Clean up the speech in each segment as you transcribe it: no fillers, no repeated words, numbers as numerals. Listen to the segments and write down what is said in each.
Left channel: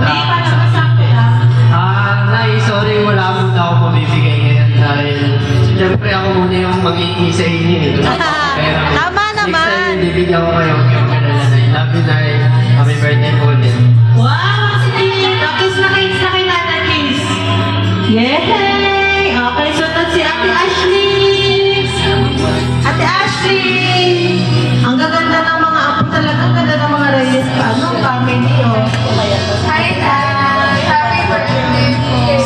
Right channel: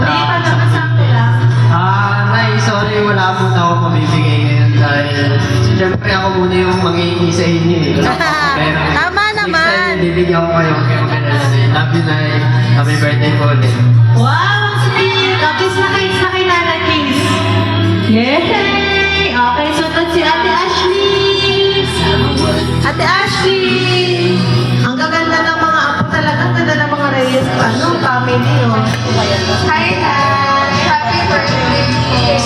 Hindi pa naman, sakto lang. Nay, sorry, wala muna ako mabibigay ngayon dahil siyempre ako muna yung mag-iingi sa inyo. Pero Tama naman. next time, bibigyan ko kayong camera na love you, Nay. Happy birthday po ulit. Wow, sige. Kiss na kilala, kiss. Yay! Okay, sunod si Ate Ashley. Ate Ashley! Ang gaganda ng mga apo talaga. Ang ganda ng mga reyes. Anong family, oh? Hi, Dad! Happy birthday!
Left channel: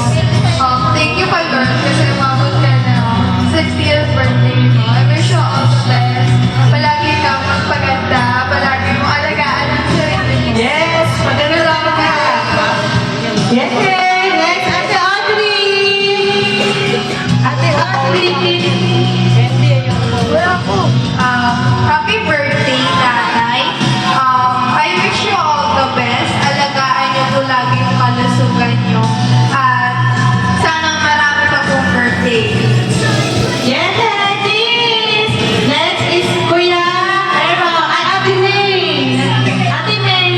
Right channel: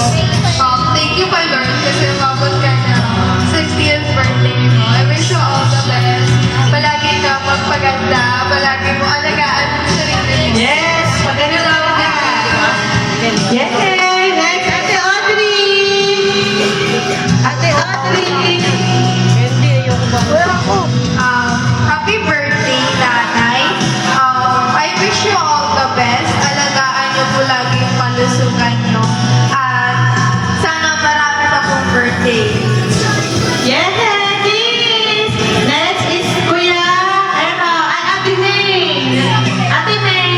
Thank you kay Lord kasi umabot ka na 60th birthday mo. I wish you all the best. Palagi ka magpaganda. Palagi mo alagaan ang sarili mo. Yes! Paganda lang ka. Yay! Next, Ate Audrey! Ate Audrey! Happy birthday, Nanay. I wish you all the best. Alagaan niyo po lagi yung kalusugan niyo. At sana marami pa pong birthday. Yes, please! Next is Kuya Ero. Ay, Ate May! Ate May!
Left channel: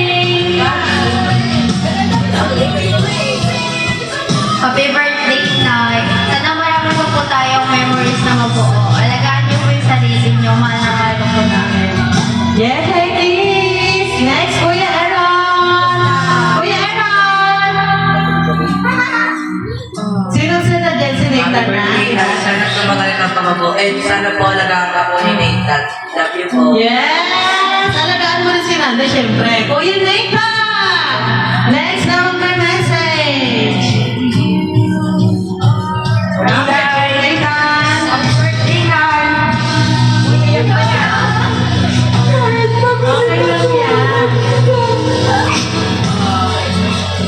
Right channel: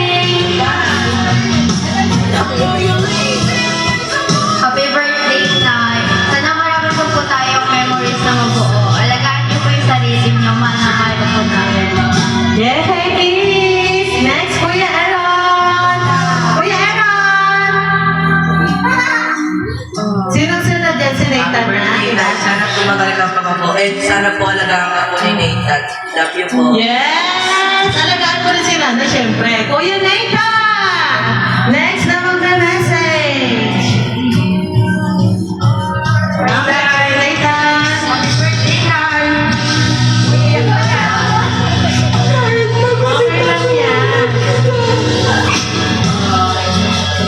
Happy birthday, Nay. Sana marami pa po tayong memories na mabuo. Alagaan niyo po yung sarili niyo. Mahal na po namin. Yes, please! Next, Kuya Aaron! Kuya Aaron! Sino-sino dyan si Nathan na? Sana po magaling ang pangabo. And sana po alagaan ka po ni Nathan. Love you po. Yes! Alagaan mo rin si Nando, syempre. Kuya Nathan! Next naman may message. Okay, Nathan. Happy birthday, Nay. Okay lang yan.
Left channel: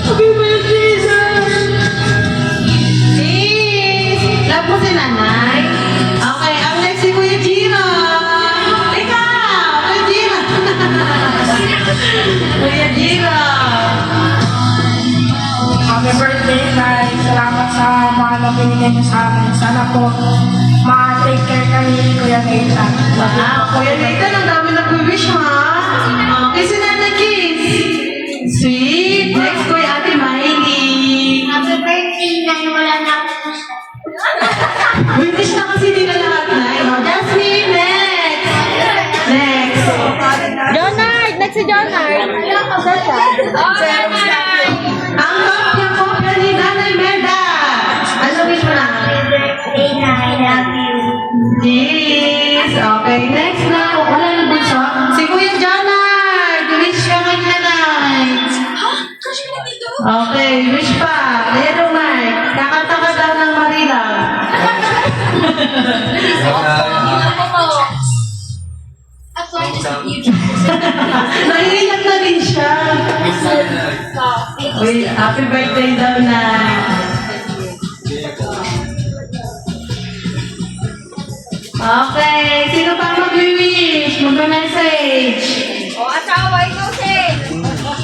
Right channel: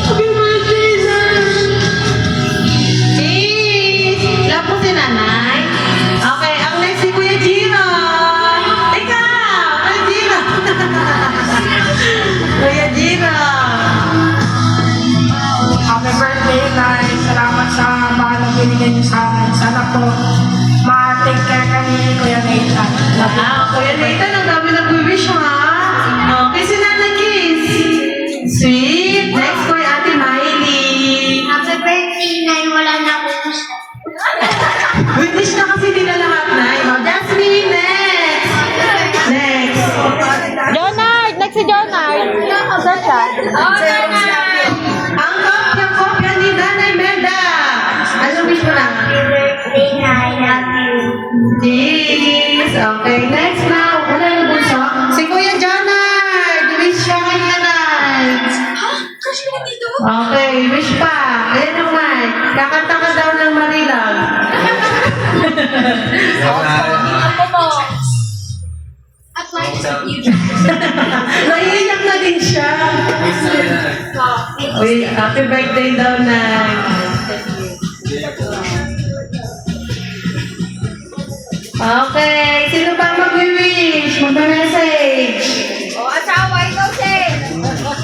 Happy birthday, sir! Sis! Love mo si nanay? Okay, ang next si Kuya Jiro. Ikaw! Kuya Jiro! Kuya Jiro! Happy birthday, Nay. Salamat sa mahal na binigay niyo sa amin. Sana po ma-take care kami ni Kuya Nathan. Wow, Kuya Nathan, ang dami nag-wish ha. Okay, si Nanay Kiss. Sweet. Next, Kuya Ate Miley. Happy birthday, Nay. Wala na akong gusto. Wish na kasi nila lahat na. Oh, Jasmine, next. Next. Jonard! Next si Jonard. Saan siya? Ang kopya ni Nanay Meda. Ano wish mo na? Happy birthday, Nay. Love you. Yes. Okay, next na. Wala yung bunso. Si Kuya Jonard. Wish ka kanya, Nay. Okay, wish pa. Ayan yung mic. Kakanta ka daw ng Marilang. Naiiyak na din siya. Uy, happy birthday daw, Nay. Okay, sino pa mag-wish? Mag-message.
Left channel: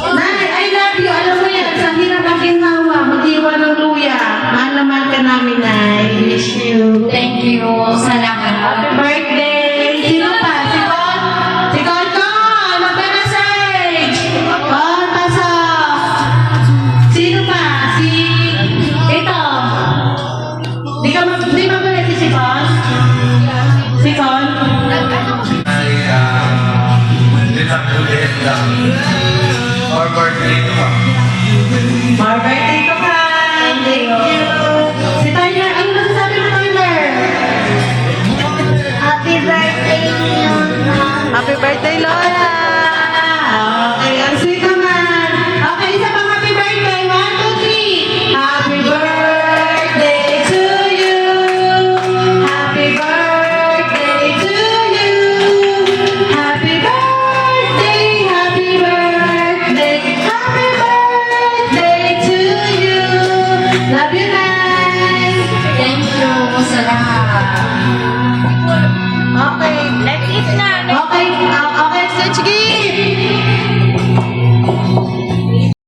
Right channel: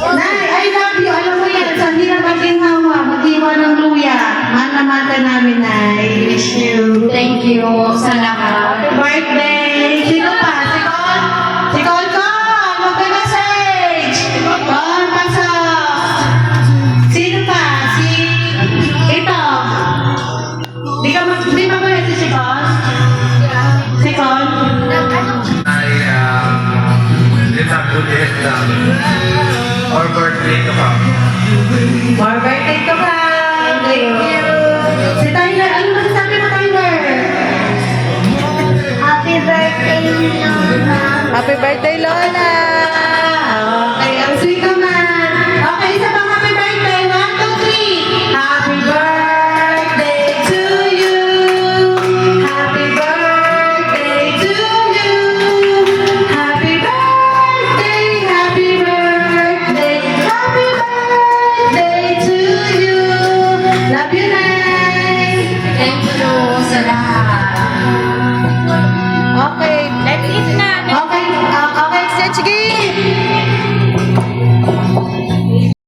Nay, I love you. Alam mo yan, sa hindi na maging hawa, mag-iwa ng luya. Mahal na mahal ka namin, Nay. Wish you. Thank you. Salamat. Happy birthday! Sino pa? Si Con? Si Con Con! Mag-message! Con, pasok! Sino pa? Si... Ito. Di mag-message si Con? Si Con? Ay, ulit lang. Or birthday ko pa. More birthday to ka! Thank you! Si Tyler, ano masasabi mo, Tyler? Happy birthday, Lola. Happy birthday, Lola!